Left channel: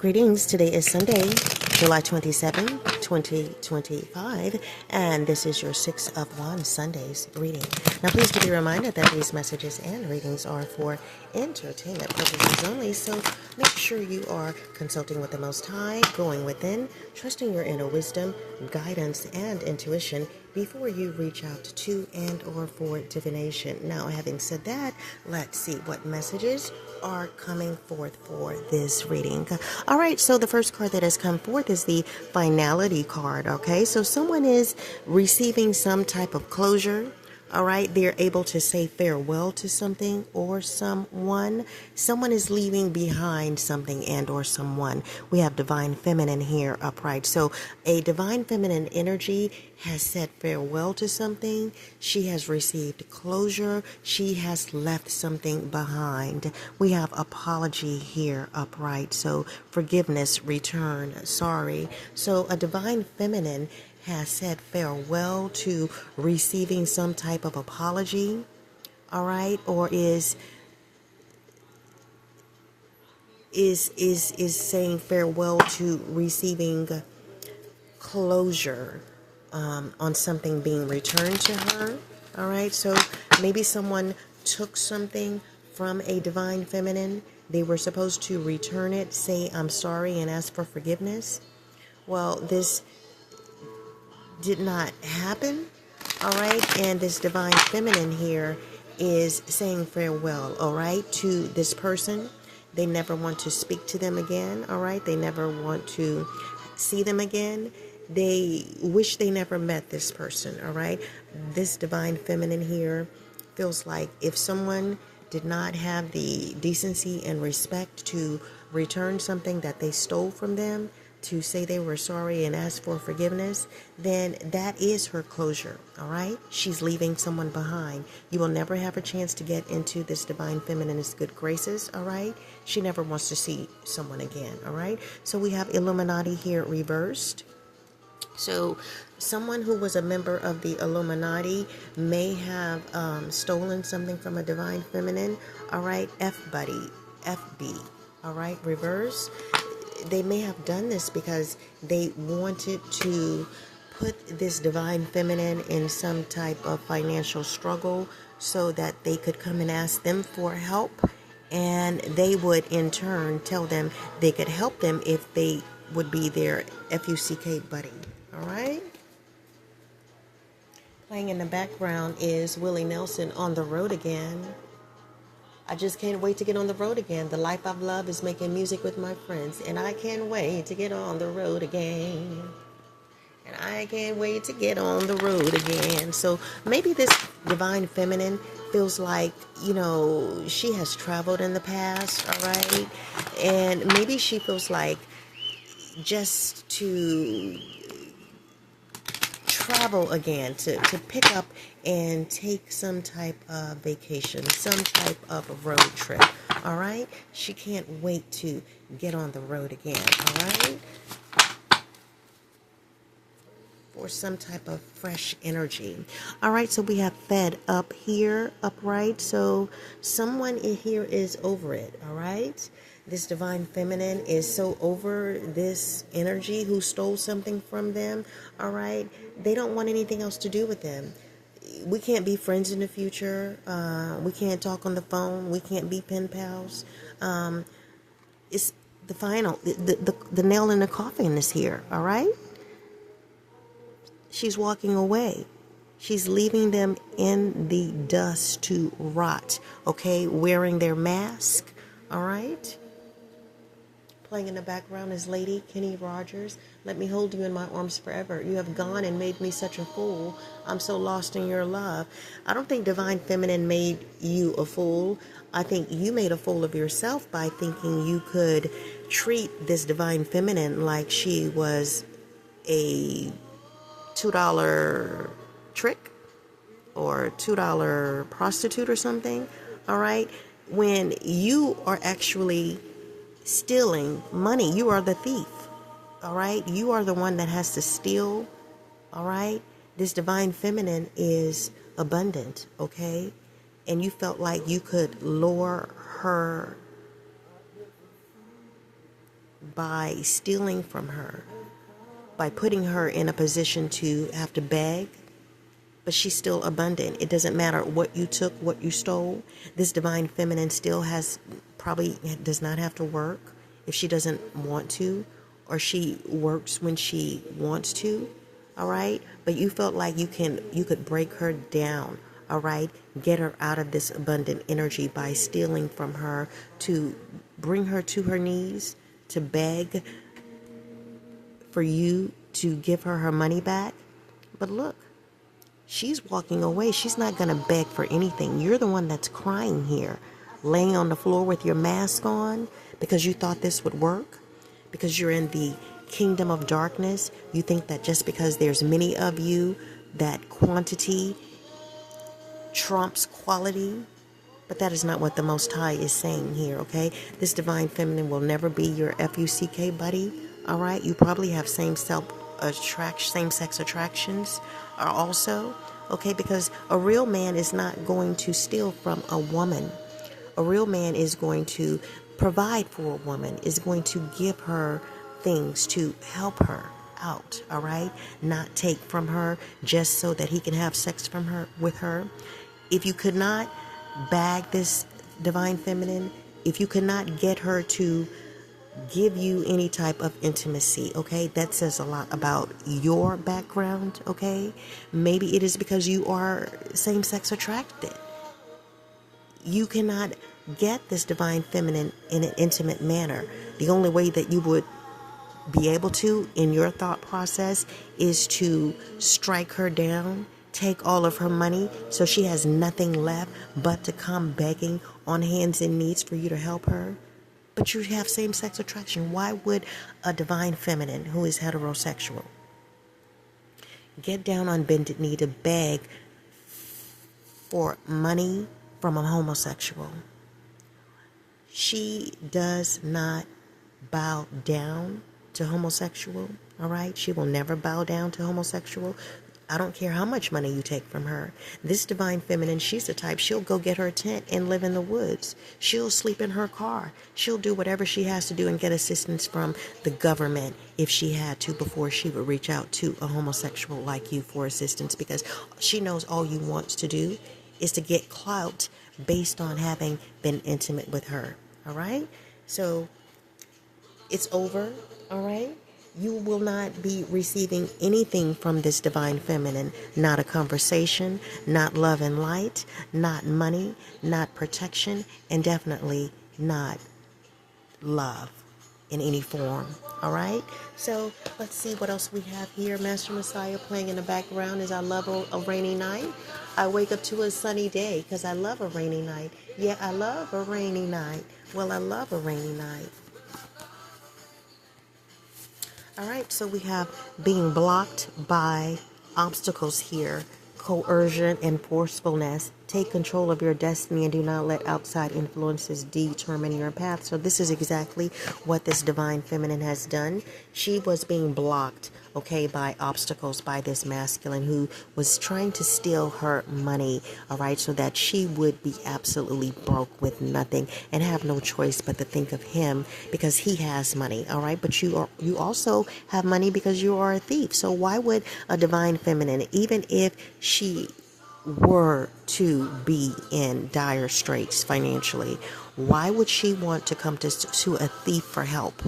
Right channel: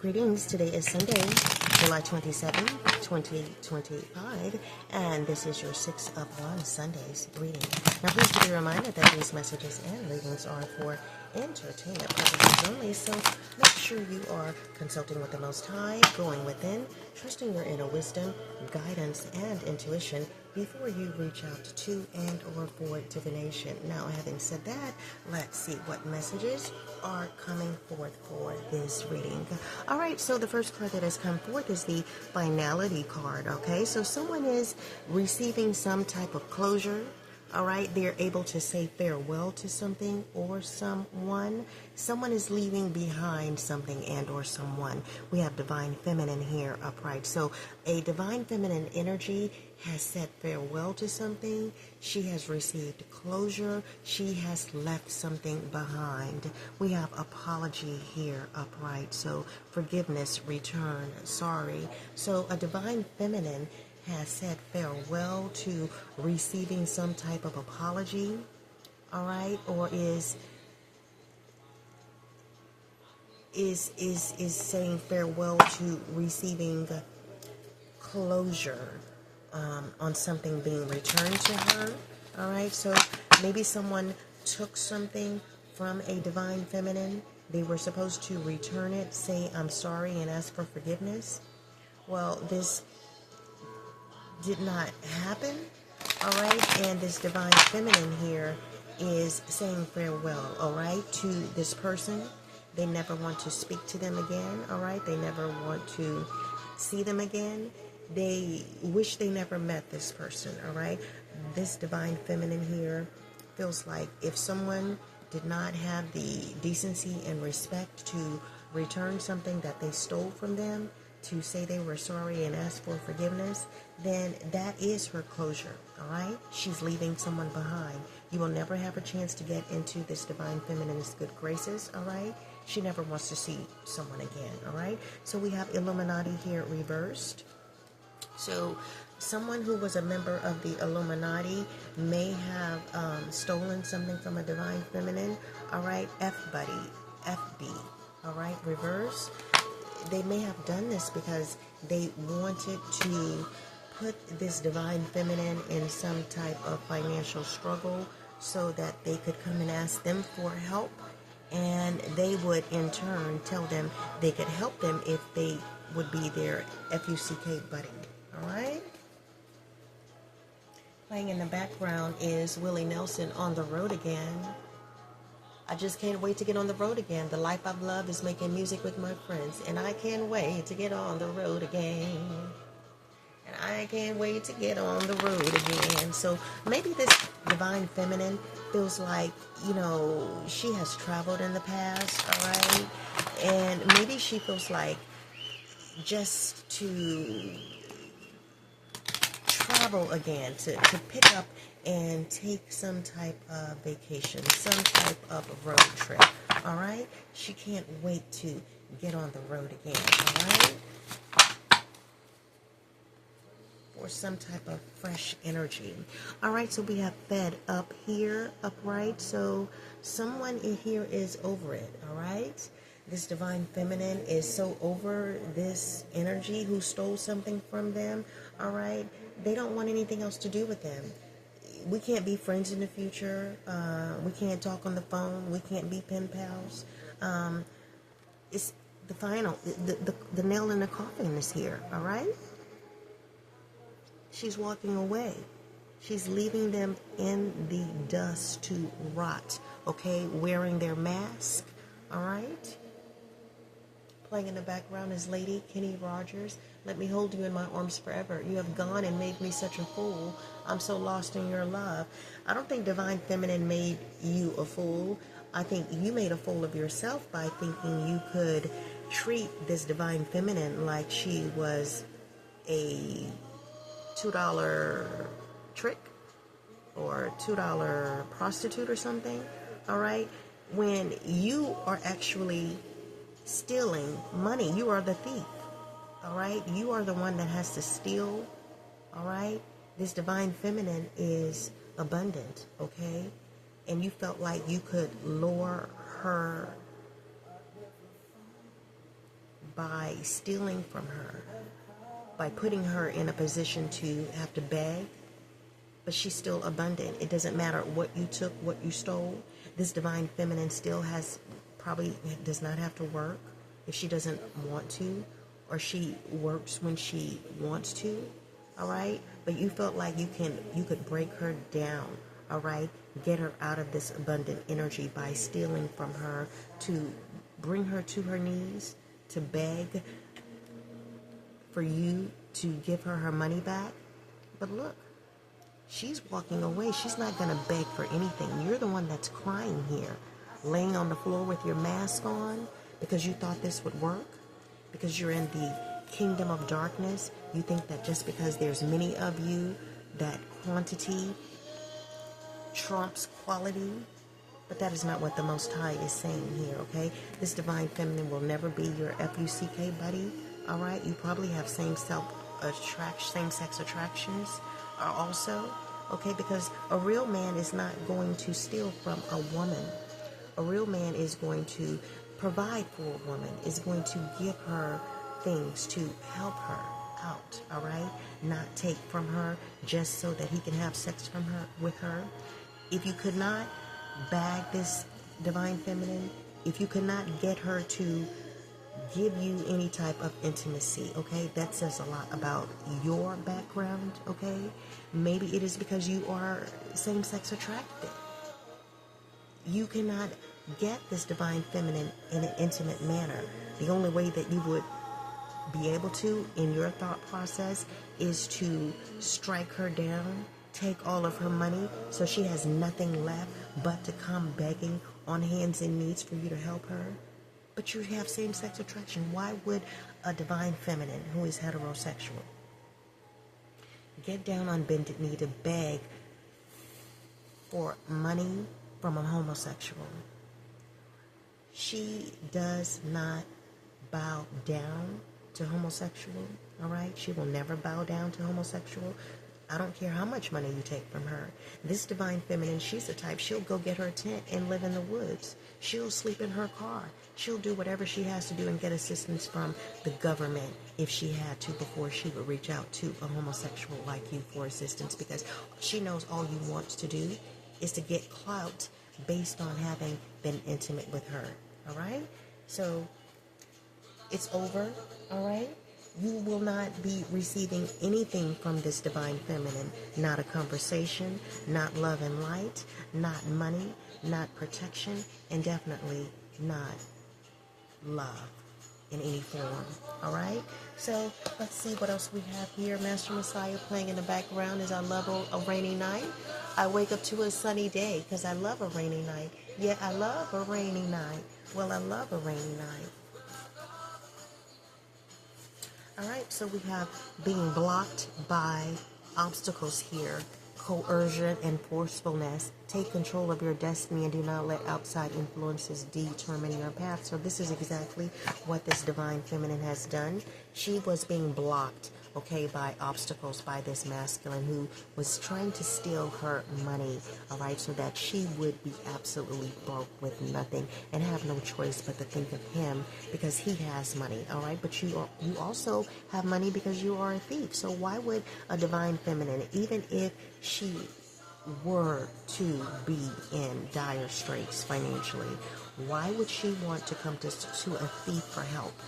Greetings. Today is Sunday, July 27, 2025, and this is your 6 of 1 Sundays reading. Now, please be reminded that these messages and readings are for entertainment purposes only, so make sure you are consulting with the Most High, going within, trusting your inner wisdom, guidance, and intuition before you reach out to and or for divination. Now, having said that, let's see what messages are coming forth for this reading. All right, so the first card that has come forth is the finality card. Okay, so someone is receiving some type of closure. All right, they're able to say farewell to something or someone. Someone is leaving behind something and or someone. We have divine feminine here upright. So a divine feminine energy has said farewell to something. She has received closure. She has left something behind. We have apology here upright. So forgiveness, return, sorry. So a divine feminine has said farewell to receiving some type of apology, all right, or is saying farewell to receiving closure on something being returned to her. All right, so maybe someone took something from a divine feminine. They were supposed to return it, say I'm sorry, and ask for forgiveness. Well, this did not happen, all right, and this divine feminine here is saying farewell, all right, to this person. They never want to speak to them again, all right, they never want to see them again. They wish they never met this person, all right. This divine feminine here feels like if someone did not have the decency and respect to return something that they stole from them, to say they were sorry and ask for forgiveness, then that is her closure, all right? She's leaving someone behind. You will never have a chance to get into this divine feminine's good graces, all right? She never wants to see someone again, all right? So we have Illuminati here reversed. So someone who was a member of the Illuminati may have stolen something from a divine feminine, all right? F-buddy, FB, all right, reverse. They may have done this because they wanted to put this divine feminine in some type of financial struggle so that they could come and ask them for help, and they would in turn tell them they could help them if they would be their FUCK buddy. All right? Playing in the background is Willie Nelson, On the Road Again. I just can't wait to get on the road again. The life I've loved is making music with my friends, and I can't wait to get on the road again. And I can't wait to get on the road again. So maybe this divine feminine feels like, you know, she has traveled in the past, all right? And maybe she feels like just to travel again, to pick up and take some type of vacation, some type of road trip, all right? She can't wait to get on the road again, all right? For some type of fresh energy. All right, so we have fed up here, upright. So someone in here is over it, all right? This divine feminine is so over this energy who stole something from them, all right? They don't want anything else to do with them. We can't be friends in the future. We can't talk on the phone. We can't be pen pals. It's the final, the nail in the coffin is here, all right? She's walking away. She's leaving them in the dust to rot, okay? Wearing their mask, all right? Playing in the background is Lady Kenny Rogers. Let me hold you in my arms forever. You have gone and made me such a fool. I'm so lost in your love. I don't think divine feminine made you a fool. I think you made a fool of yourself by thinking you could treat this divine feminine like she was a $2 trick or $2 prostitute or something, all right? When you are actually stealing money, you are the thief, all right? You are the one that has to steal, all right? This divine feminine is abundant, okay? And you felt like you could lure her by stealing from her, by putting her in a position to have to beg, but she's still abundant. It doesn't matter what you took, what you stole. This divine feminine still probably does not have to work if she doesn't want to, or she works when she wants to, all right? But you felt like you could break her down, all right? Get her out of this abundant energy by stealing from her, to bring her to her knees, to beg for you to give her her money back. But look, she's walking away. She's not going to beg for anything. You're the one that's crying here, laying on the floor with your mask on because you thought this would work, because you're in the kingdom of darkness. You think that just because there's many of you, that quantity trumps quality. But that is not what the Most High is saying here, okay? This divine feminine will never be your FUCK buddy, all right? You probably have same-sex attractions also, okay? Because a real man is not going to steal from a woman. A real man is going to provide for a woman, is going to give her things to help her out, all right? Not take from her just so that he can have sex with her. If you could not bag this divine feminine, if you could not get her to give you any type of intimacy, okay, that says a lot about your background, okay? Maybe it is because you are same-sex attracted. You cannot get this divine feminine in an intimate manner. The only way that you would be able to, in your thought process, is to strike her down, take all of her money so she has nothing left but to come begging on hands and knees for you to help her. But you have same-sex attraction. Why would a divine feminine who is heterosexual get down on bended knee to beg for money from a homosexual? She does not bow down to homosexual, all right? She will never bow down to homosexual. I don't care how much money you take from her. This divine feminine, she's the type, she'll go get her a tent and live in the woods. She'll sleep in her car. She'll do whatever she has to do and get assistance from the government if she had to before she would reach out to a homosexual like you for assistance, because she knows all you want to do is to get clout based on having been intimate with her, all right? So it's over, all right? You will not be receiving anything from this divine feminine. Not a conversation, not love and light, not money, not protection, and definitely not love in any form. All right? So let's see what else we have here. Master Messiah playing in the background as I love a rainy night. I wake up to a sunny day because I love a rainy night. Yeah, I love a rainy night. Well, I love a rainy night. All right, so we have being blocked by obstacles here, coercion and forcefulness. Take control of your destiny and do not let outside influences determine your path. So this is exactly what this divine feminine has done. She was being blocked, okay, by obstacles, by this masculine who was trying to steal her money, all right, so that she would be absolutely broke with nothing and have no choice but to think of him because he has money, all right? But you also have money because you are a thief. So why would a divine feminine, even if she were to be in dire straits financially, why would she want to come to a thief for help?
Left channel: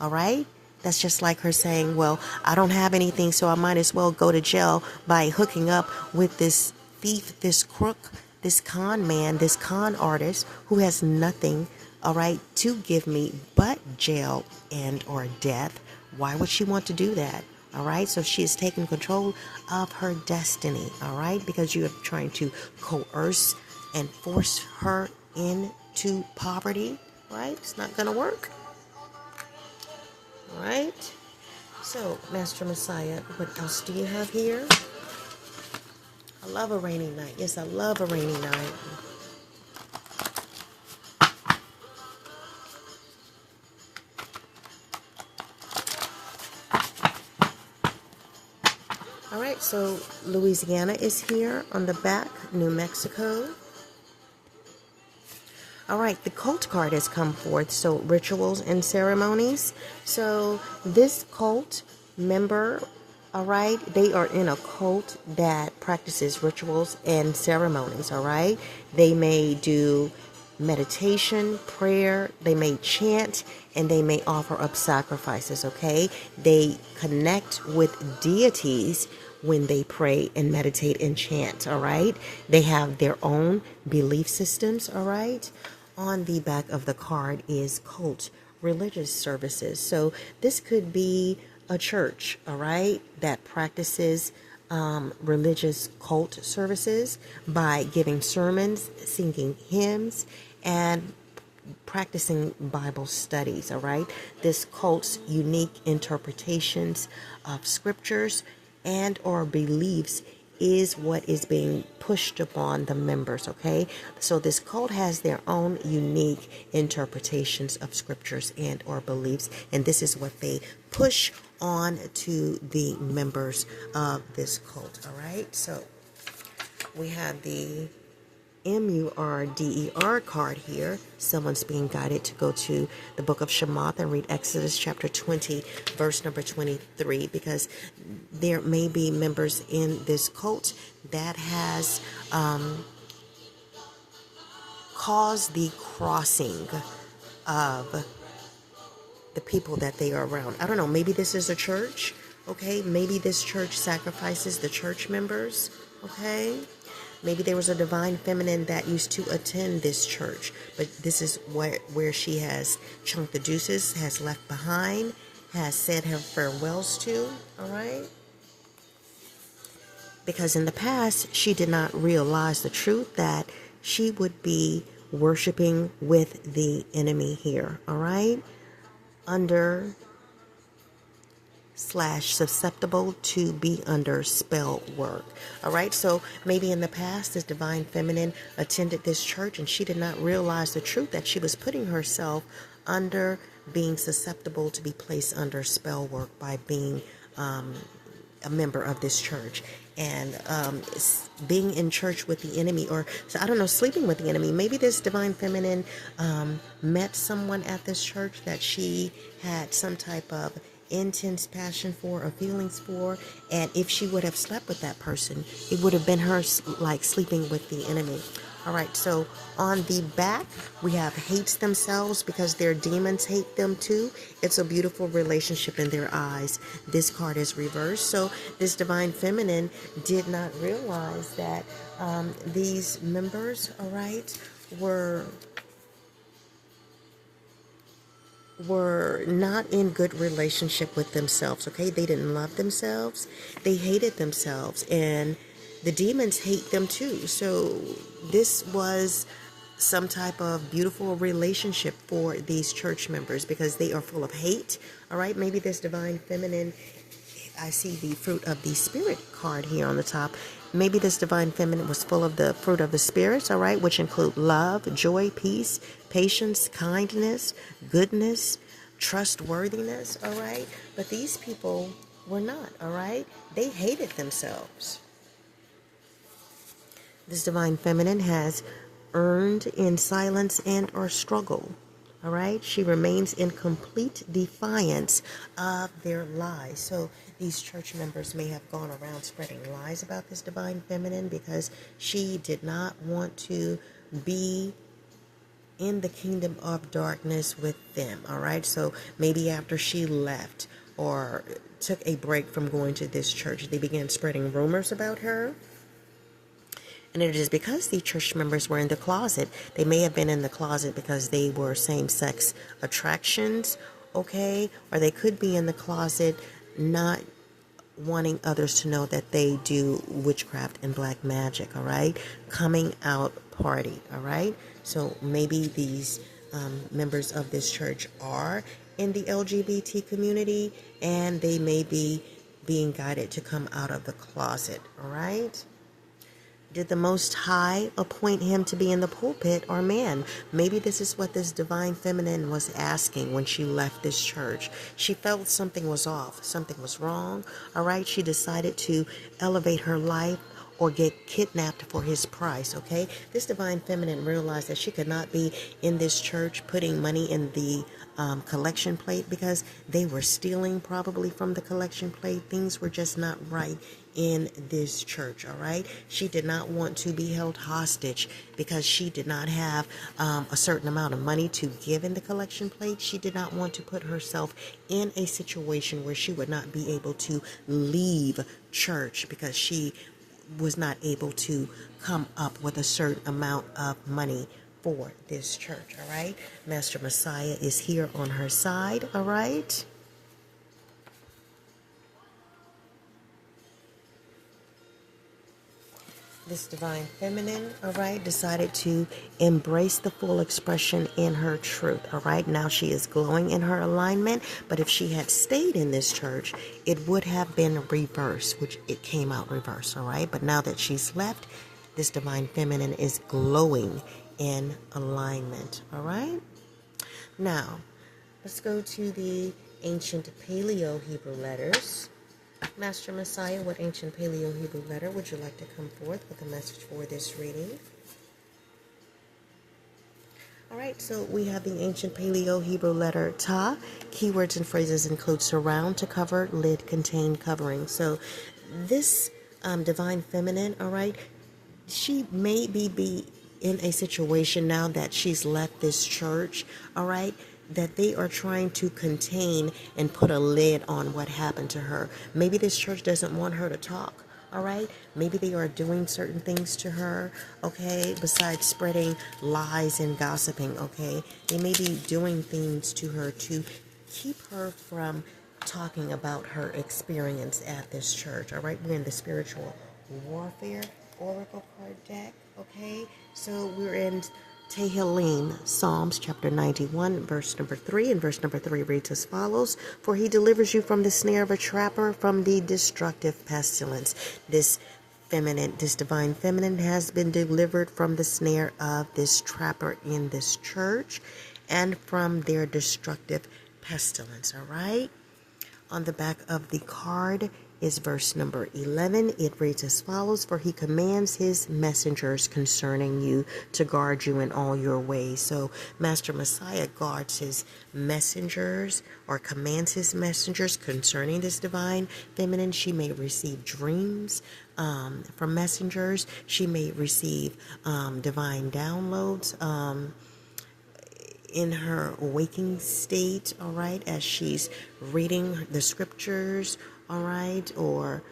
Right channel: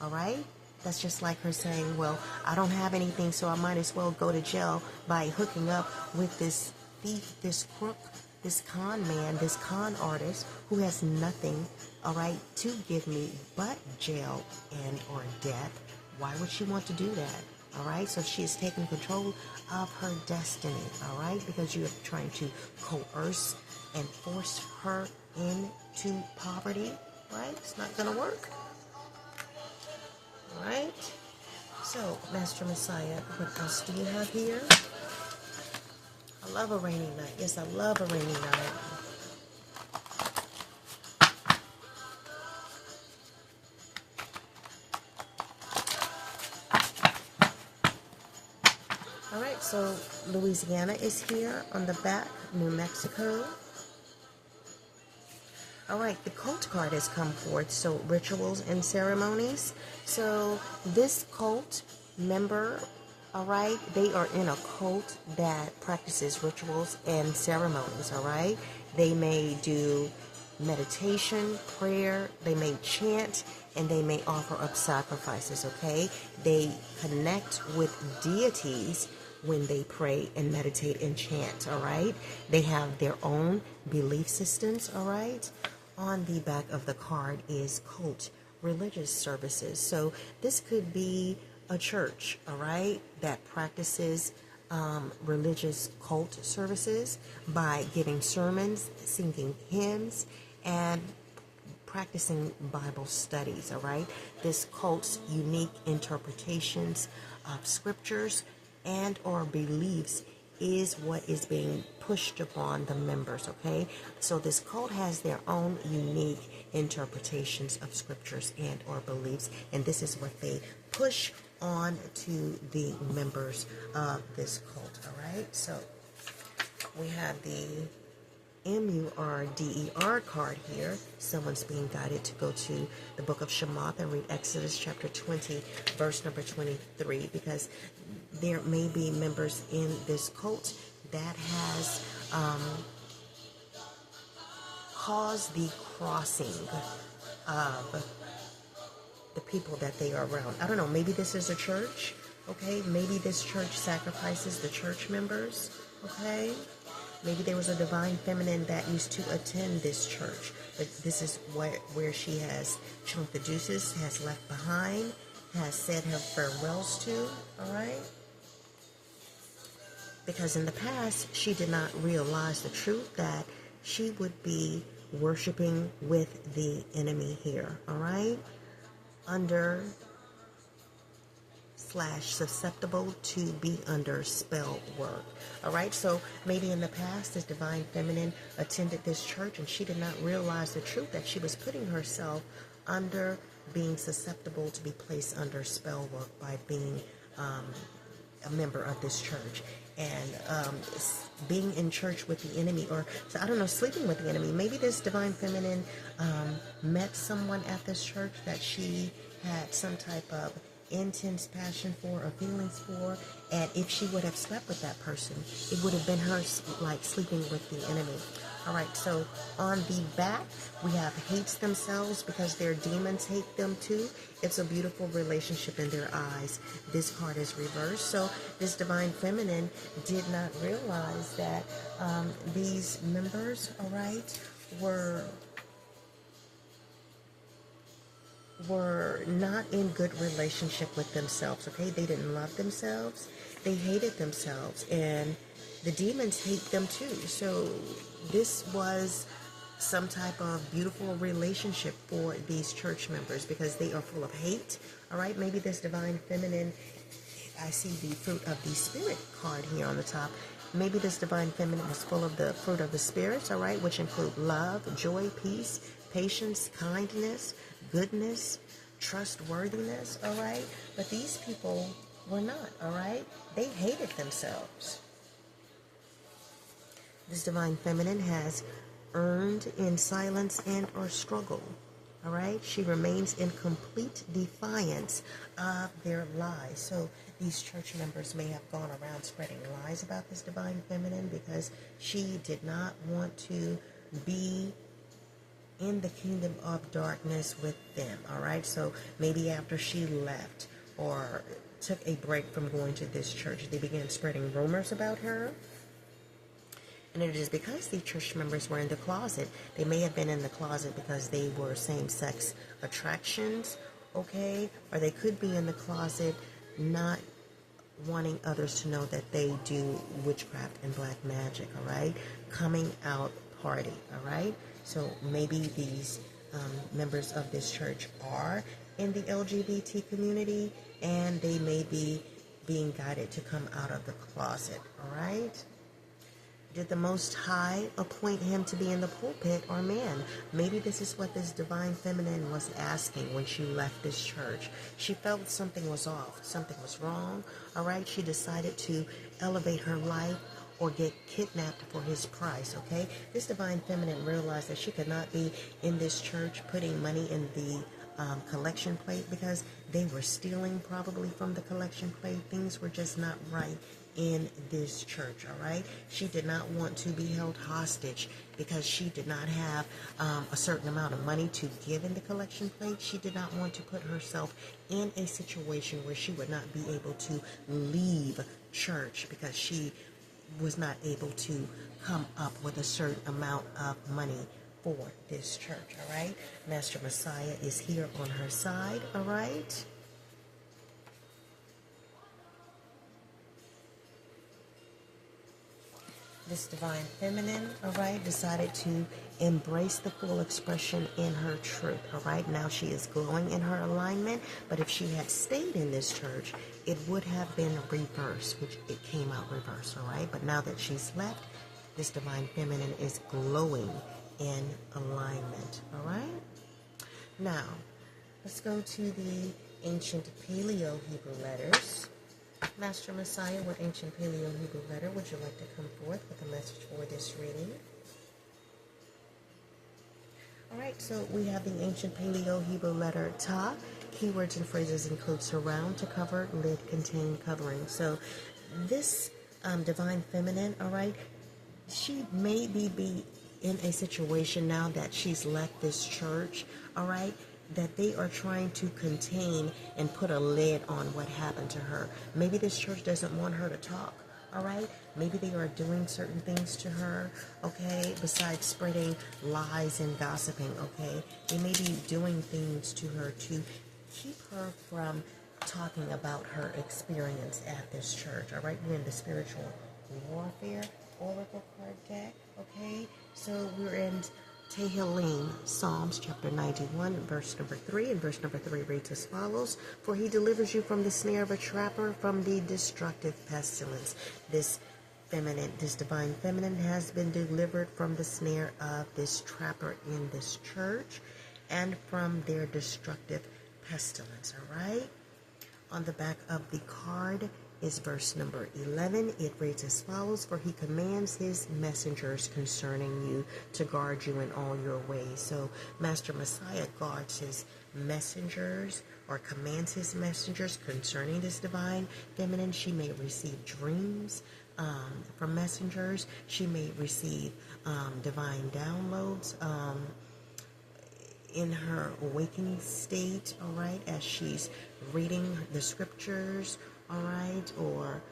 All right? That's just like her saying, well, I don't have anything, so I might as well go to jail by hooking up with this thief, this crook, this con man, this con artist who has nothing, all right, to give me but jail and or death. Why would she want to do that? All right, so she is taking control of her destiny, all right, because you are trying to coerce and force her into poverty, right? It's not going to work. All right, so Master Messiah, what else do you have here? I love a rainy night. Yes, I love a rainy night. All right, so Louisiana is here on the back, New Mexico. All right, the cult card has come forth. So rituals and ceremonies. So this cult member, all right, they are in a cult that practices rituals and ceremonies, all right? They may do meditation, prayer, they may chant, and they may offer up sacrifices, okay? They connect with deities when they pray and meditate and chant, all right? They have their own belief systems, all right? On the back of the card is cult religious services. So this could be a church, all right, that practices religious cult services by giving sermons, singing hymns, and practicing Bible studies, all right? This cult's unique interpretations of scriptures and or beliefs is what is being pushed upon the members, okay? So this cult has their own unique interpretations of scriptures and or beliefs, and this is what they push on to the members of this cult, all right? So we have the MURDER card here. Someone's being guided to go to the book of Shemoth and read Exodus chapter 20, verse number 23, because there may be members in this cult that has caused the crossing of the people that they are around. I don't know, maybe this is a church, okay? Maybe this church sacrifices the church members, okay? Maybe there was a divine feminine that used to attend this church, but this is where she has chunked the deuces, has left behind, has said her farewells to, all right? Because in the past, she did not realize the truth that she would be worshiping with the enemy here, all right? Under / susceptible to be under spell work. All right, so maybe in the past this divine feminine attended this church and she did not realize the truth that she was putting herself under being susceptible to be placed under spell work by being a member of this church and being in church with the enemy, or so I don't know, sleeping with the enemy. Maybe this divine feminine met someone at this church that she had some type of intense passion for or feelings for, and if she would have slept with that person, it would have been her like sleeping with the enemy. All right, so on the back we have hates themselves because their demons hate them too. It's a beautiful relationship in their eyes. This card is reversed, so this divine feminine did not realize that these members, all right, were not in good relationship with themselves, okay? They didn't love themselves. They hated themselves, and the demons hate them too. So this was some type of beautiful relationship for these church members because they are full of hate, all right? Maybe this divine feminine, I see the fruit of the spirit card here on the top. Maybe this divine feminine was full of the fruit of the spirits, all right, which include love, joy, peace, patience, kindness, goodness, trustworthiness, all right? But these people were not, all right? They hated themselves. This divine feminine has earned in silence and or struggle, all right? She remains in complete defiance of their lies. So these church members may have gone around spreading lies about this divine feminine because she did not want to be in the kingdom of darkness with them, all right? So maybe after she left or took a break from going to this church, they began spreading rumors about her. And it is because the church members were in the closet. They may have been in the closet because they were same-sex attractions, okay? Or they could be in the closet not wanting others to know that they do witchcraft and black magic, all right? Coming out party, all right? So maybe these members of this church are in the LGBT community and they may be being guided to come out of the closet, all right? Did the Most High appoint him to be in the pulpit or man? Maybe this is what this divine feminine was asking when she left this church. She felt something was off, something was wrong, all right? She decided to elevate her life or get kidnapped for his price, okay? This divine feminine realized that she could not be in this church putting money in the collection plate, because they were stealing probably from the collection plate. Things were just not right in this church, all right? She did not want to be held hostage because she did not have a certain amount of money to give in the collection plate. She did not want to put herself in a situation where she would not be able to leave church because she was not able to come up with a certain amount of money for this church, all right? Master Messiah is here on her side, all right? This divine feminine, all right, decided to embrace the full expression in her truth, all right? Now she is glowing in her alignment, but if she had stayed in this church, it would have been reversed, which it came out reversed, all right? But now that she's left, this divine feminine is glowing in alignment, all right? Now, let's go to the ancient Paleo Hebrew letters. Master Messiah, what ancient Paleo Hebrew letter would you like to come forth with a message for this reading? All right, so we have the ancient Paleo Hebrew letter Ta. Keywords and phrases include surround, to cover, lid, contain, covering. So this divine feminine, all right, she may be in a situation now that she's left this church, all right, that they are trying to contain and put a lid on what happened to her. Maybe this church doesn't want her to talk, all right? Maybe they are doing certain things to her, okay, besides spreading lies and gossiping, okay? They may be doing things to her to keep her from talking about her experience at this church, all right? We're in the spiritual warfare oracle card deck, okay? So we're in Tehillim, Psalms chapter 91, verse number 3, and verse number 3 reads as follows: For he delivers you from the snare of a trapper, from the destructive pestilence. This divine feminine has been delivered from the snare of this trapper in this church and from their destructive pestilence, all right? On the back of the card is verse number 11. It reads as follows: For he commands his messengers concerning you to guard you in all your ways. So Master Messiah guards his messengers, or commands his messengers concerning this divine feminine. She may receive dreams from messengers. She may receive divine downloads in her waking state, all right, as she's reading the scriptures, all right, or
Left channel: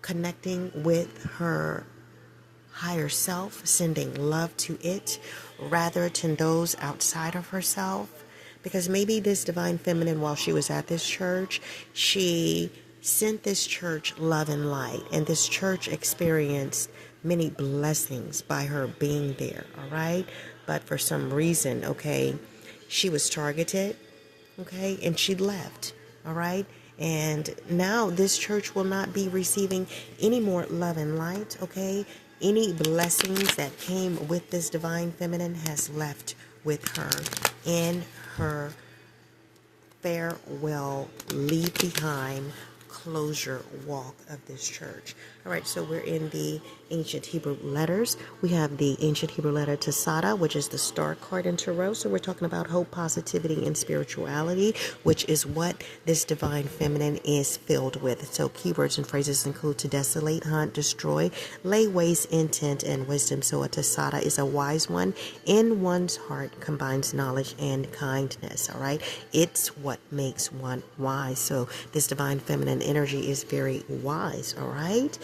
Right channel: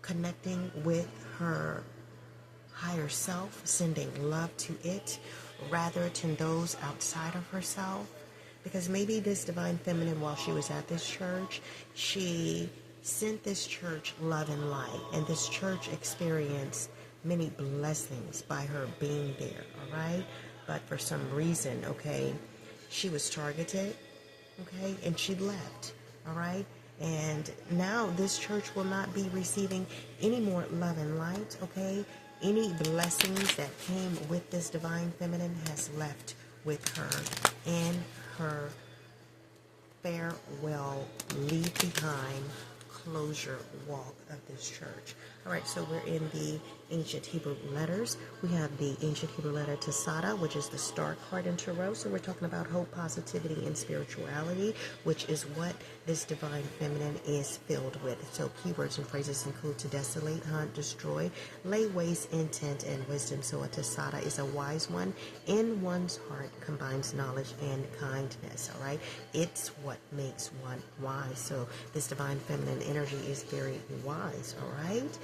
connecting with her higher self, sending love to it rather than those outside of herself. Because maybe this divine feminine, while she was at this church, she sent this church love and light, and this church experienced many blessings by her being there, all right? But for some reason, okay, she was targeted, okay, and she left, all right? And now this church will not be receiving any more love and light, okay? Any blessings that came with this divine feminine has left with her in her farewell, leave behind, closure walk of this church. All right, so we're in the ancient Hebrew letters. We have the ancient Hebrew letter Tasada, which is the star card in Tarot. So we're talking about hope, positivity, and spirituality, which is what this divine feminine is filled with. So keywords and phrases include to desolate, hunt, destroy, lay waste, intent, and wisdom. So a Tasada is a wise one in one's heart, combines knowledge and kindness. All right, it's what makes one wise. So this divine feminine energy is very wise. All right.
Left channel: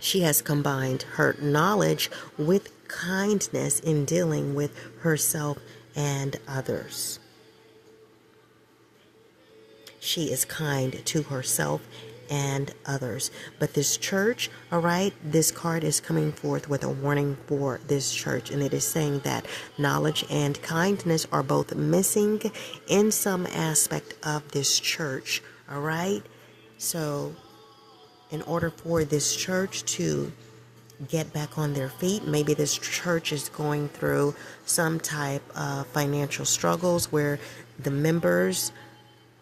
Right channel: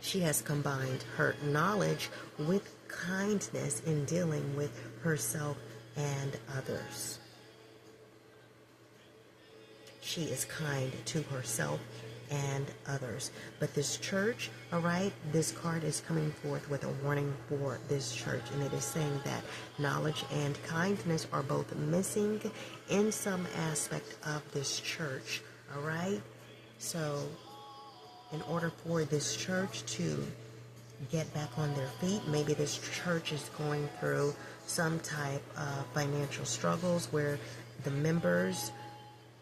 She has combined her knowledge with kindness in dealing with herself and others. She is kind to herself and others. But this church, all right, this card is coming forth with a warning for this church. And it is saying that knowledge and kindness are both missing in some aspect of this church, all right? So in order for this church to get back on their feet, maybe this church is going through some type of financial struggles where the members,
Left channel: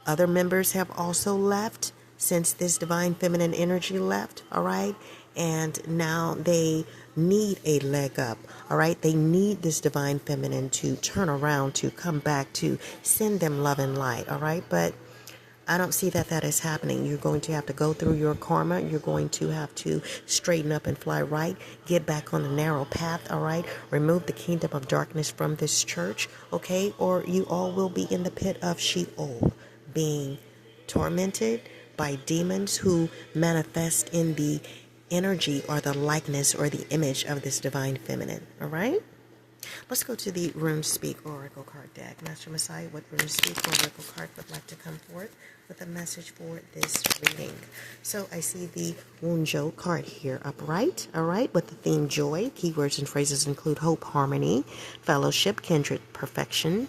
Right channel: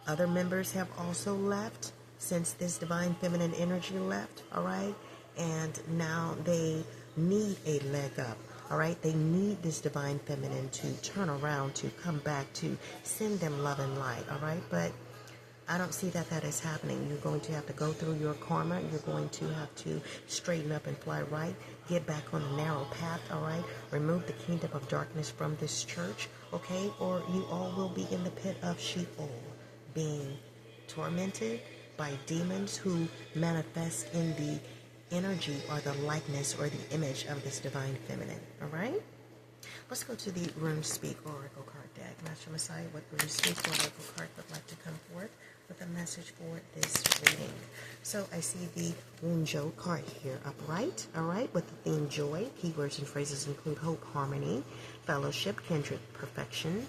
other members have also left since this divine feminine energy left, all right? And now they need a leg up, all right? They need this divine feminine to turn around, to come back, to send them love and light, all right? But I don't see that that is happening. You're going to have to go through your karma. You're going to have to straighten up and fly right. Get back on the narrow path, all right? Remove the kingdom of darkness from this church, okay? Or you all will be in the pit of Sheol, being tormented by demons who manifest in the energy or the likeness or the image of this divine feminine, all right? Let's go to the Rune Speak Oracle card deck. Master Messiah, what Rune Speak Oracle card would like to come forth with a message for this reading? So I see the Wunjo card here upright, all right, with the theme joy. Keywords and phrases include hope, harmony, fellowship, kindred, perfection,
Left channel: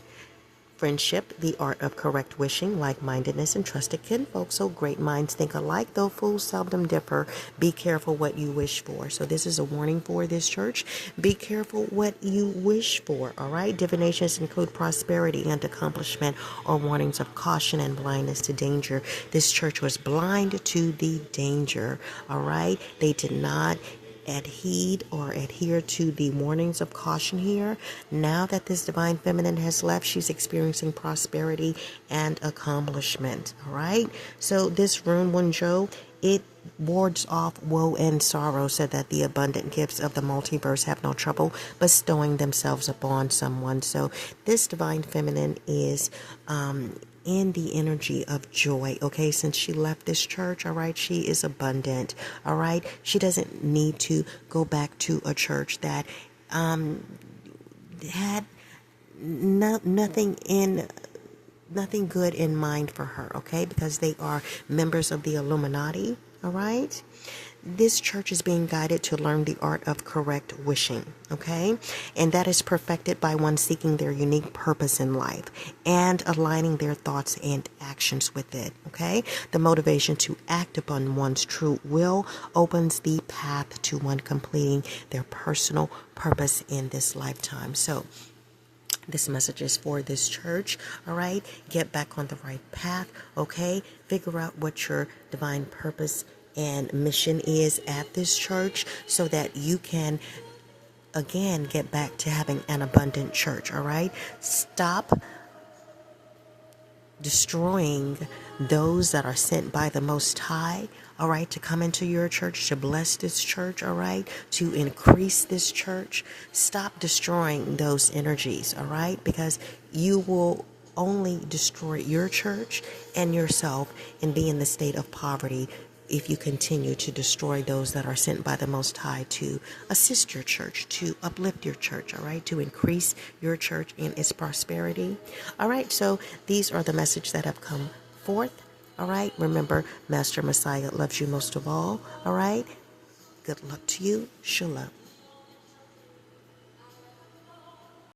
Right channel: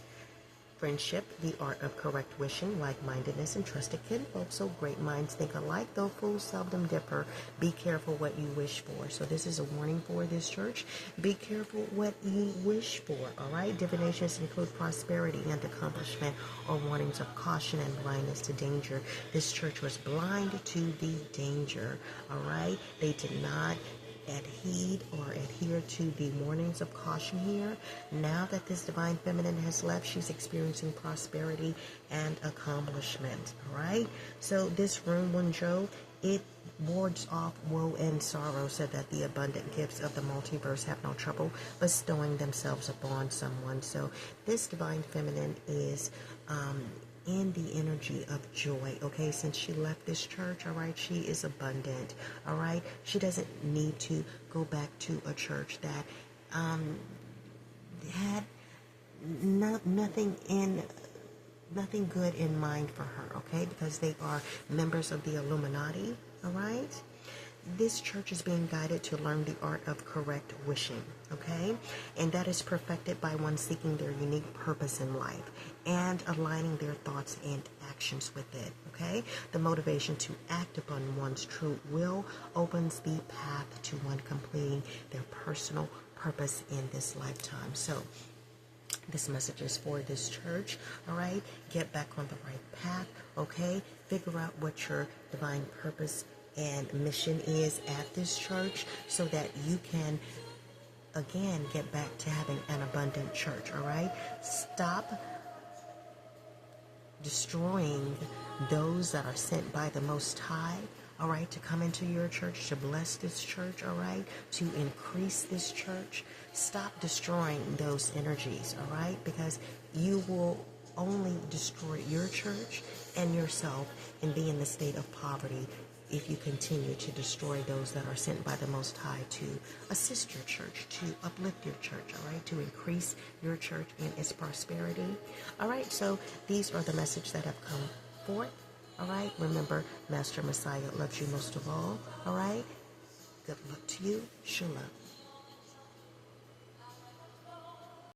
friendship, the art of correct wishing, like-mindedness, and trusted kinfolk. So great minds think alike, though fools seldom differ. Be careful what you wish for. So this is a warning for this church. Be careful what you wish for, all right? Divinations include prosperity and accomplishment, or warnings of caution and blindness to danger. This church was blind to the danger, all right? They did not adhere to the warnings of caution here. Now that this divine feminine has left, she's experiencing prosperity and accomplishment, all right? So this rune, Wunjo, it wards off woe and sorrow, so that the abundant gifts of the multiverse have no trouble bestowing themselves upon someone. So this divine feminine is in the energy of joy, okay? Since she left this church, all right, she is abundant, all right? She doesn't need to go back to a church that had nothing good in mind for her, okay? Because they are members of the Illuminati, all right? This church is being guided to learn the art of correct wishing, okay? And that is perfected by one seeking their unique purpose in life and aligning their thoughts and actions with it, okay? The motivation to act upon one's true will opens the path to one completing their personal purpose in this lifetime. So this message is for this church, all right? Get back on the right path, okay? Figure out what your divine purpose and mission is at this church, so that you can again get back to having an abundant church, all right? Stop destroying those that are sent by the Most High, all right, to come into your church, to bless this church, all right, to increase this church. Stop destroying those energies, all right, because you will only destroy your church and yourself and be in the state of poverty if you continue to destroy those that are sent by the Most High to assist your church, to uplift your church, all right, to increase your church in its prosperity. All right, so these are the messages that have come forth, all right? Remember, Master Messiah loves you most of all right? Good luck to you. Shalom.